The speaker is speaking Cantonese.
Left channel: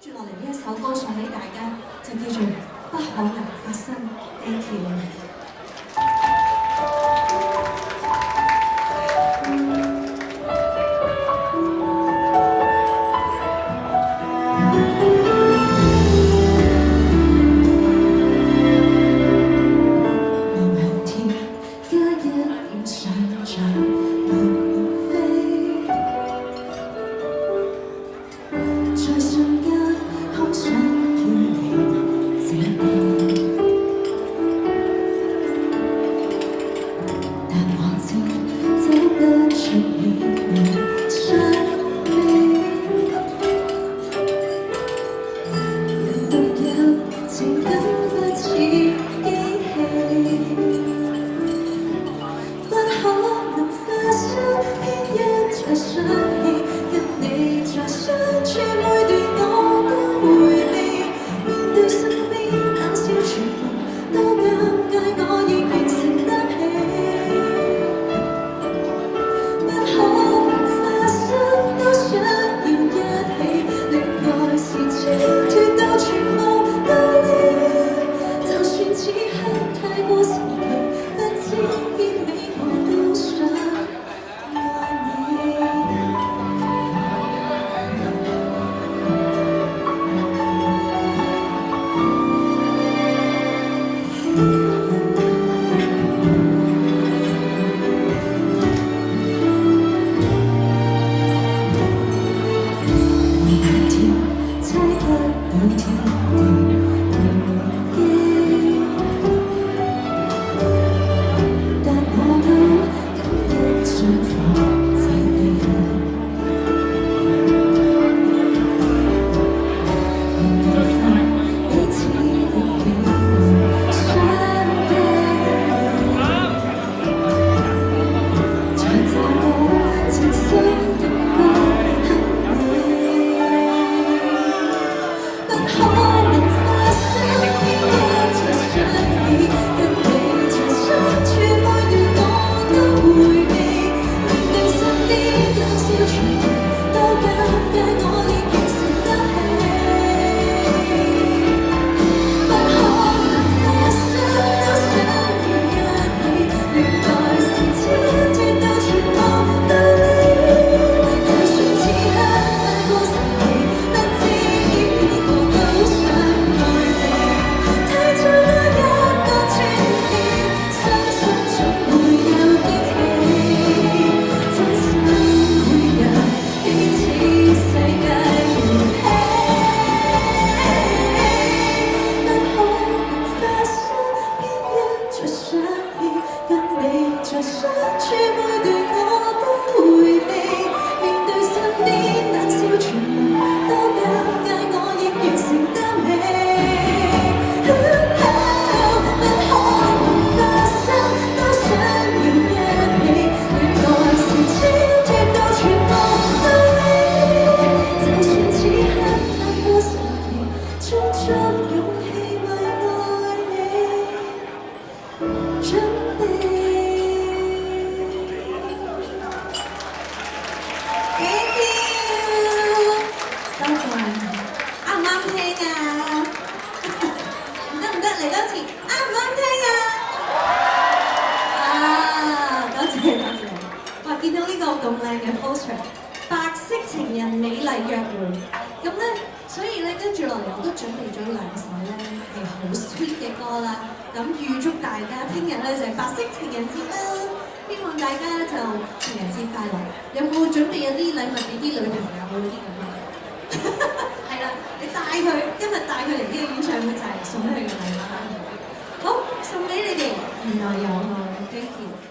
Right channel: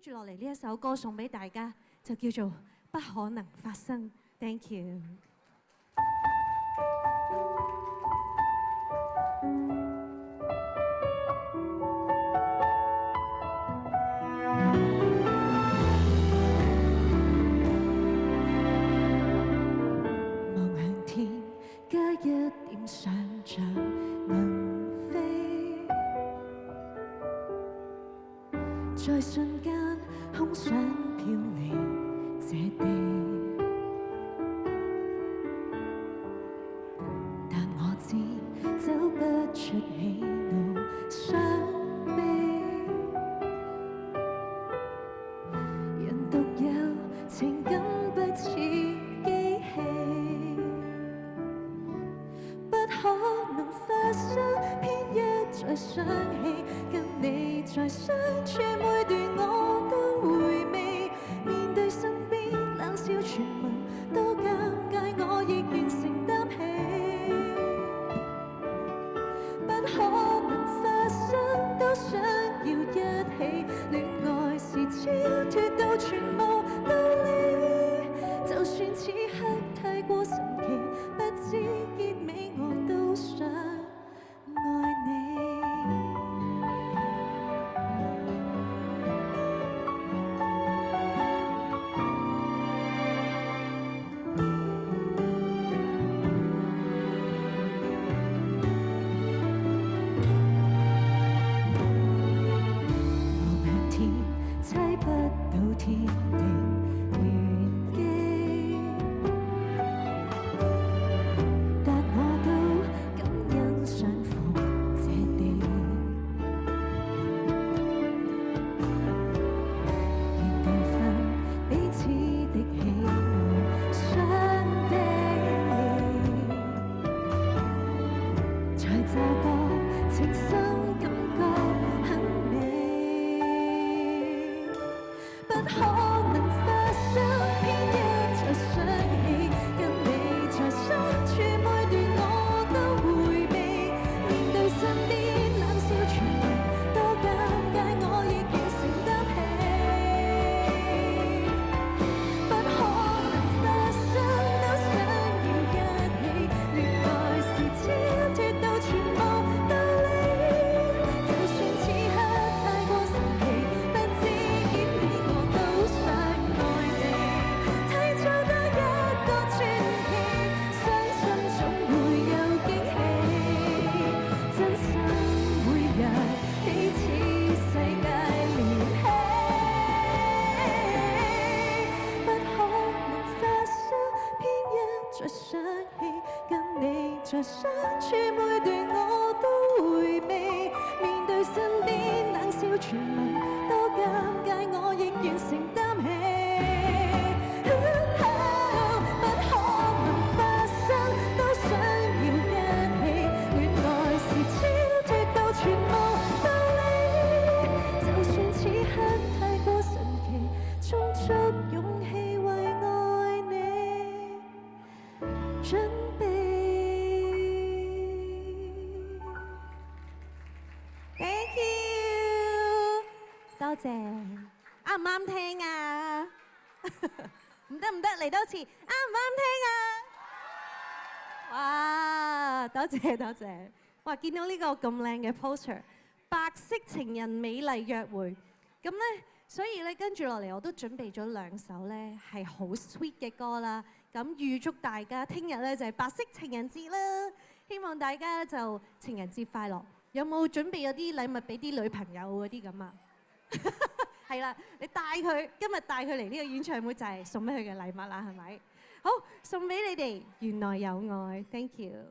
住落嚟呢一首歌送俾大家，就叫做《不可能發生》。Thank you。見到呢個咁靚嘅 poster， 白色情人美麗約會，咁咧，所以咧跟住落嚟我都準備咗兩首咧係好 sweet 嘅歌啦。咁預祝大家聽日咧就係白色情人節啦，希望大家就情人節快樂。有冇準備有啲禮物俾啲女朋友嗰啲咁啊？係啦，你帶佢今日帶佢嚟呢個演唱會就係送俾佢嘅禮物啦。好，送俾你哋，原來有愛 ，thank you。